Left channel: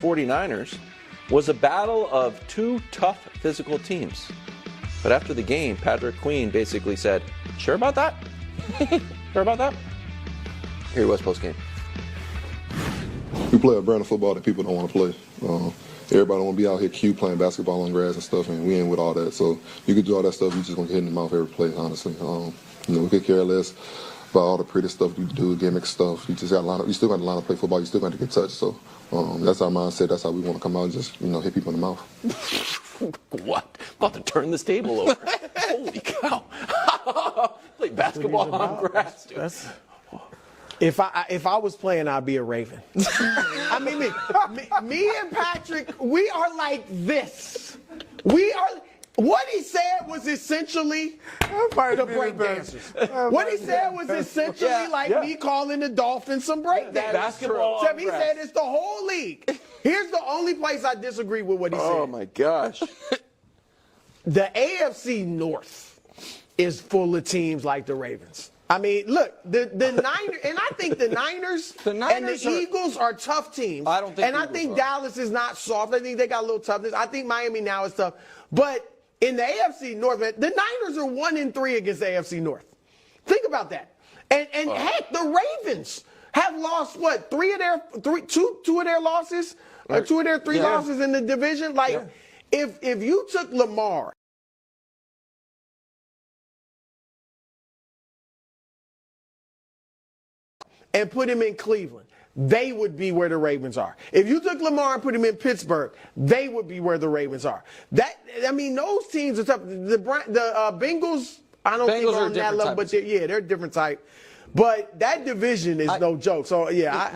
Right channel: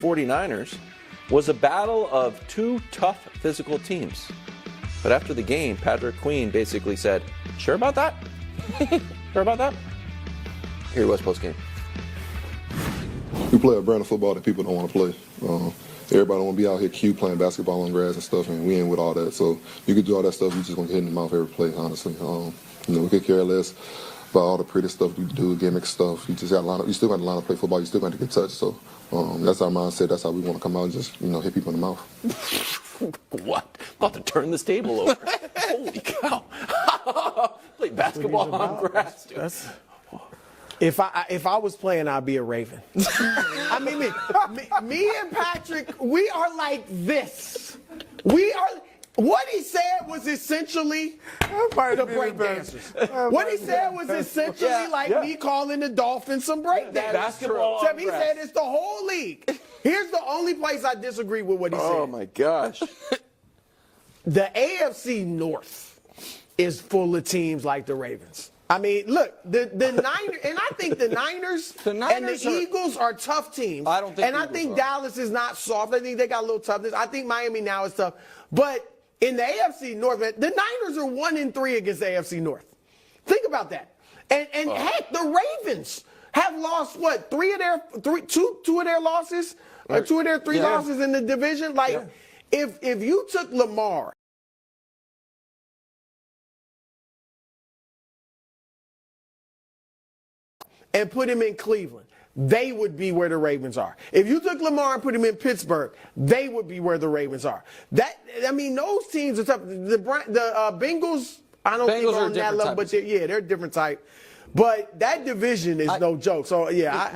49ers was a battle of two tough physical teams. But after the game, Patrick Queen basically said, "Sure about that? Sure about that?" Here he was post-game. We play a brand of football that people don't want to play. Everybody want to be out here cute playing basketball on grass and stuff, and we ain't with all that. So you could do all that stuff, you just going to get hit in the mouth every play, honestly. We could care less about all the pretty stuff you do, gimmick stuff. You just got you still got to line up, play football. You still got to get touched. So that's our mindset. That's how we want to come out and just hit people in the mouth. What? About to turn this table over. Holy cow! Play basketball on grass, dude. If I was playing, I'd be a Raven. I mean, me and Patrick, we are like this. We are. What he said was essentially the break dancers. What he said was essentially me calling the Dolphins some break dancers. Basketball. So he said it's the whole league. Here's the only place I disagree with what he said. Oh my gosh. The AFC North is full of teams like the Ravens. I mean, look, the Niners, and I think the Niners and the Eagles are tough teams. I don't think. And I think Dallas is not soft. I think they got a little toughness. I think Miami now is tough. But in the AFC North, man, the Niners are 1-3 against the AFC North. Think about that. And heck, the Ravens have lost what, two of their losses, or two of their three losses in the division. Like, if you took Lamar and put him in Cleveland, they would be where the Ravens are. If you took Lamar and put him in Pittsburgh, they would be where the Ravens are. Those teams are tough. The Bengals, I don't think on that level, but they're a different type. But that division is no joke. So I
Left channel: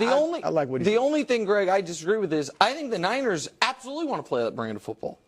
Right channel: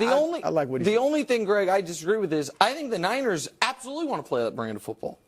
like what he said. The only thing, Greg, I disagree with is I think the Niners absolutely want to play that brand of football.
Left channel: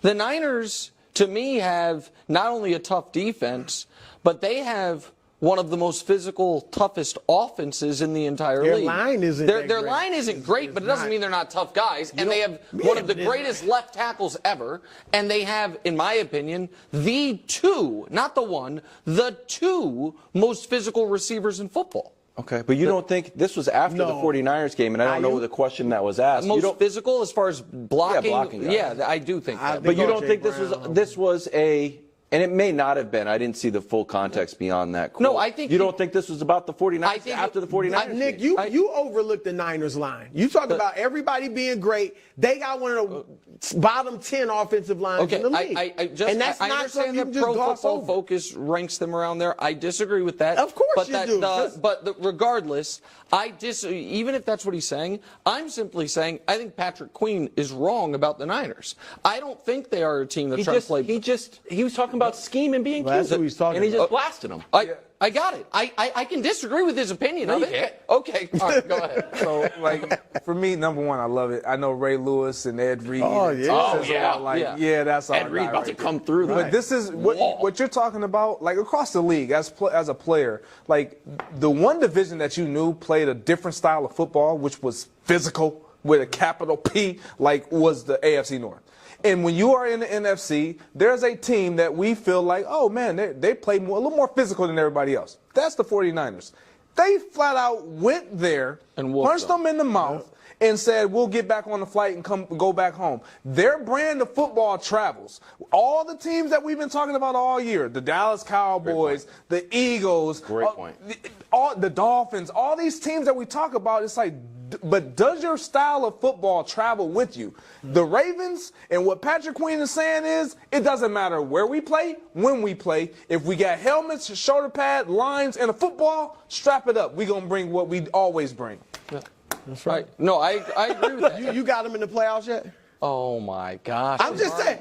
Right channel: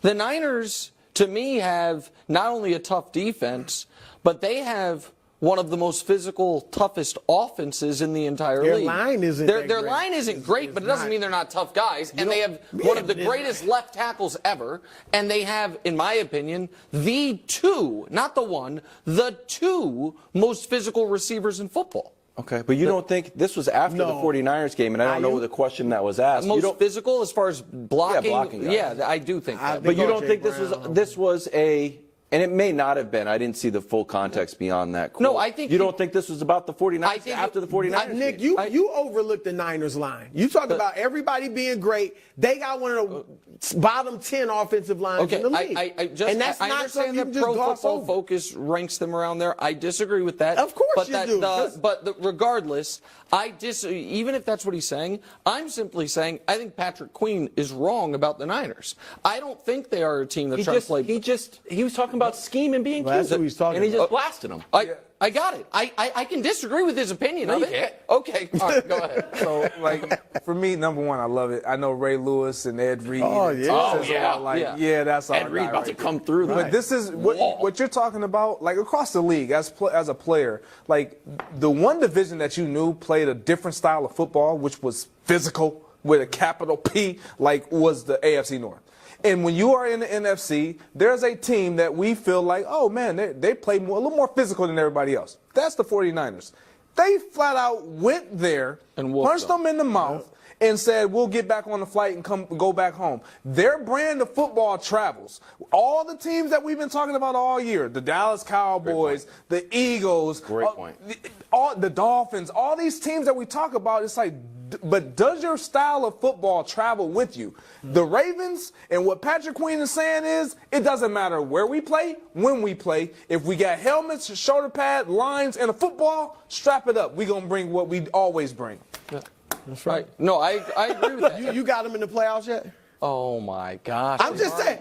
The Niners, to me, have not only a tough defense, but they have one of the most physical, toughest offenses in the entire league. Their line isn't great, but it doesn't mean they're not tough guys. And they have one of the greatest left tackles ever. And they have, in my opinion, the two, not the one, the two most physical receivers in football. Okay, but you don't think this was after the 49ers game, and I don't know the question that was asked. Most physical as far as blocking? Yeah, blocking. Yeah, I do think that. But you don't think this was a... And it may not have been. I didn't see the full context beyond that quote. No, I think... You don't think this was about the 49ers after the 49ers Nick, game? you overlooked the Niners line. You talk about everybody being great. They got one of the bottom 10 offensive lines in the league. I understand that Pro Football Focus ranks them around there. I disagree with that. Of course you do. But regardless, even if that's what he's saying, I'm simply saying I think Patrick Queen is wrong about the Niners. I don't think they are a team that's trying to play. He was talking about scheme and being cute. That's what he's talking and he about. just blasted him. I got it. I can disagree with his opinion of it. Okay. All right, go ahead. So, for me, number one, I love it. I know Ray Lewis and Ed Reed. That's all. Ed Reed about to come through. But this is what you're talking about, across the league as a player. The one division that you knew played a different style of football, which was physical with a capital P, was the AFC North. And when you are in the NFC, there's a team that we feel like, oh, man, they play a little more physical than everybody else. That's the 49ers. They flat out went there, and punched them in the mouth, and said, we'll get back on the flight and go back home. Their brand of football travels. All the teams that we've been talking about all year, the Dallas Cowboys, the Eagles, the Dolphins, all these teams that we talk about, it's like, but does your style of football travel with you? The Ravens, and what Patrick Queen is saying is, it doesn't matter where we play, when we play. If we got helmets, shoulder pad, lines, and a football, strap it up. We're going to bring what we always bring. Yeah. That's right. No, I agree with that. You got them in the playoffs yet? Oh, my gosh. I'm just saying.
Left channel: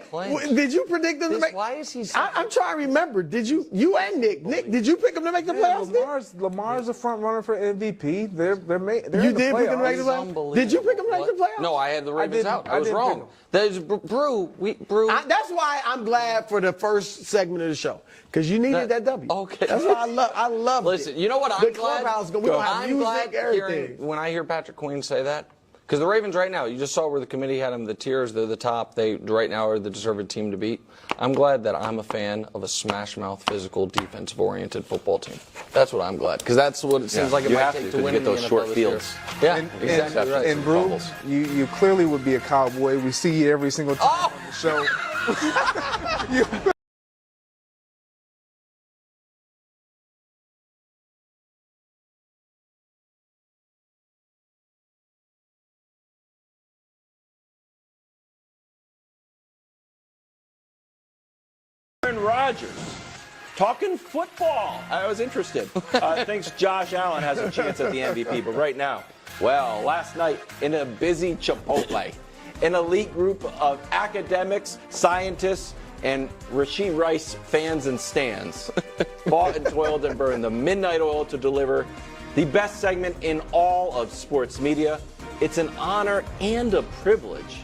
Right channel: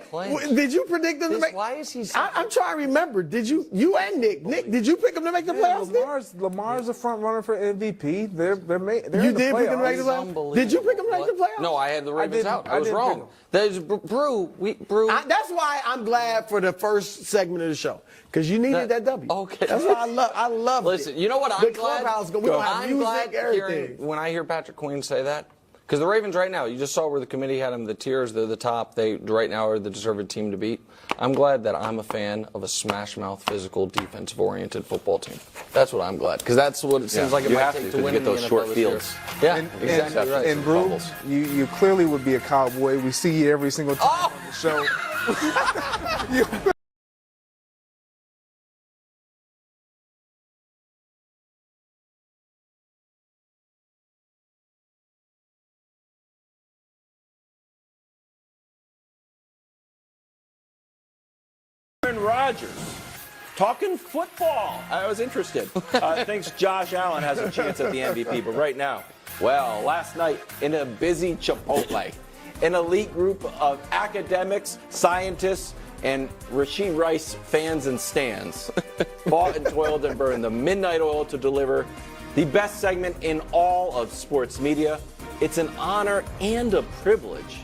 Did you predict them to make? Why is he I'm trying to remember. Did you and Nick, did you pick them to make the playoffs? Lamar's a front runner for MVP. They're in the playoffs. You did pick them to make the playoffs? Did you pick them to make the playoffs? No, I had the Ravens out. I was wrong. Brew. That's why I'm glad for the first segment of the show, because you needed that W. Okay. That's why I love it. Listen, you know what? I'm glad. We don't have music, everything. When I hear Patrick Queen say that, Because the Ravens right now, you just saw where the committee had them, the tiers, they're the top. They right now are the deserved team to beat. I'm glad that I'm a fan of a smash-mouth, physical, defensive-oriented football team. That's what I'm glad, because that's what it seems like it You might have take to to win get in the those NFL short this year. fields. Yeah, And, exactly right. And Brew, Fumbles. you clearly would be a cowboy. We see you every single time on the show. Aaron Rodgers talking football. I was interested. Thinks Josh Allen has a chance at the MVP, but right now, well, last night in a busy Chipotle, an elite group of academics, scientists, and Rashid Rice fans and stands fought and toiled and burned the midnight oil to deliver the best segment in all of sports media. It's an honor and a privilege.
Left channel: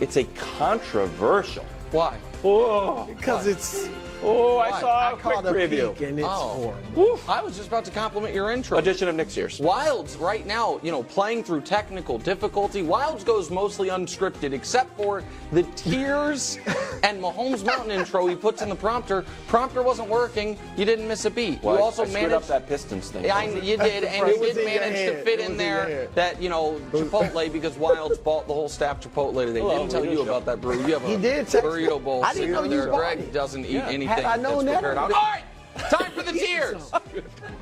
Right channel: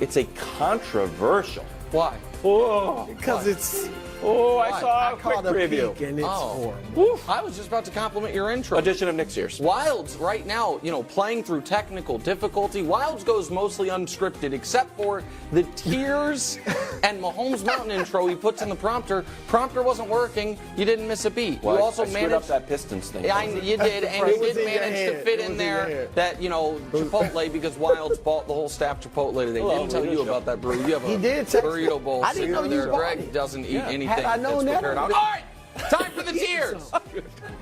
It's a controversial. Why? Oh, Because it's. I saw a quick caught a preview. peek and it's Oh. horrible. I was just about to compliment your intro. Edition of next year's. Wilds right now, playing through technical difficulty. Wilds goes mostly unscripted, except for the tears and Mahomes Mountain intro he puts in the prompter. Prompter wasn't working. You didn't miss a beat. Well, you also I screwed managed up that Pistons thing. Yeah, you did, and It you was did in your manage to head. fit It in was in your there head. that Chipotle because Wilds bought the whole staff Chipotle today. Hello, Didn't tell radio you show. about that, Brew. You have He a did text me. burrito bowl I didn't sitting know over you there. bought Greg it. doesn't eat anything Had I known that's that, prepared. I All would've- right. Time for the tiers.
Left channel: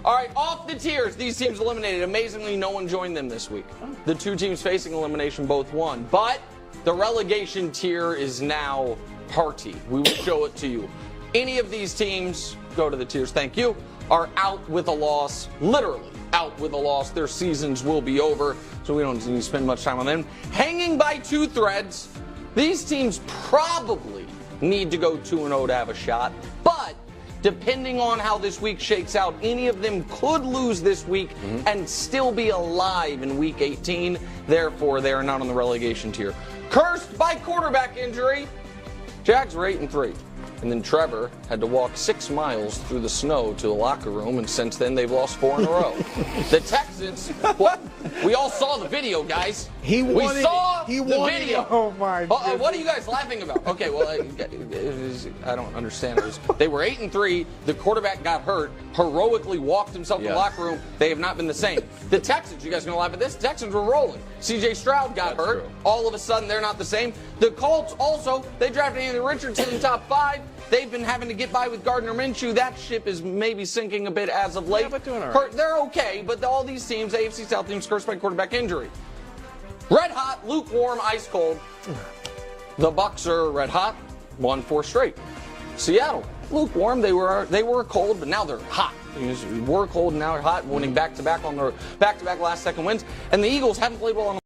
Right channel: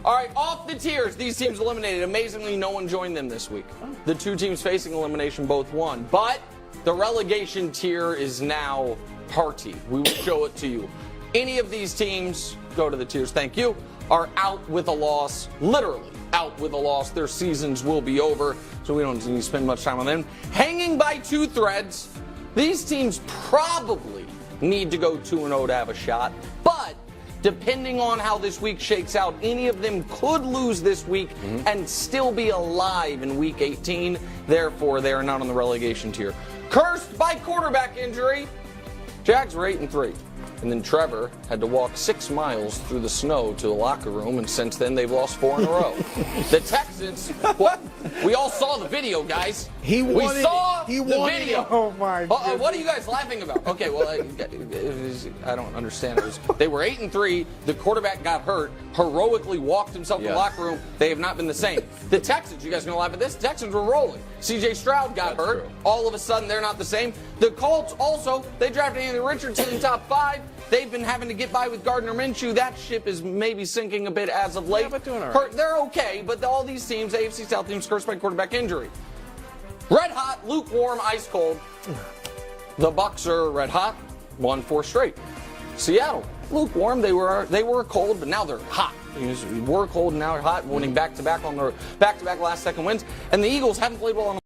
All right, off the tiers. These teams eliminated. Amazingly, no one joined them this week. The two teams facing elimination both won. But the relegation tier is now hearty. We will show it to you. Any of these teams, go to the tiers, thank you, are out with a loss, literally out with a loss. Their seasons will be over, so we don't need to spend much time on them. Hanging by two threads, these teams probably need to go 2-0 to have a shot, but depending on how this week shakes out, any of them could lose this week and still be alive in week 18. Therefore, they are not on the relegation tier. Cursed by quarterback injury, Jags were 8-3. And then Trevor had to walk 6 miles through the snow to the locker room, and since then they've lost 4 in a row. The Texans, we all saw the video, guys. He we wanted saw it. He the wanted video. it. Oh, my goodness. What are you guys laughing about? Okay, well, I don't understand. They were 8-3. The quarterback got hurt, heroically walked himself to the locker room. They have not been the same. The Texans, you guys are going to laugh at this? The Texans were rolling. C.J. Stroud got hurt. True. All of a sudden, they're not the same. The Colts also, they drafted Anthony Richardson in the top 5. They've been having to get by with Gardner Minshew. That ship is maybe sinking a bit as of late. Yeah, but doing all right. They're okay, but all these teams, AFC South teams, cursed by quarterback injury. Red hot, lukewarm, ice cold. The Bucs are red hot, won 4 straight. Seattle, lukewarm. They were cold, but now they're hot. We were cold and now they're hot, winning back-to-back on their back-to-back last-second wins. And the Eagles haven't played well on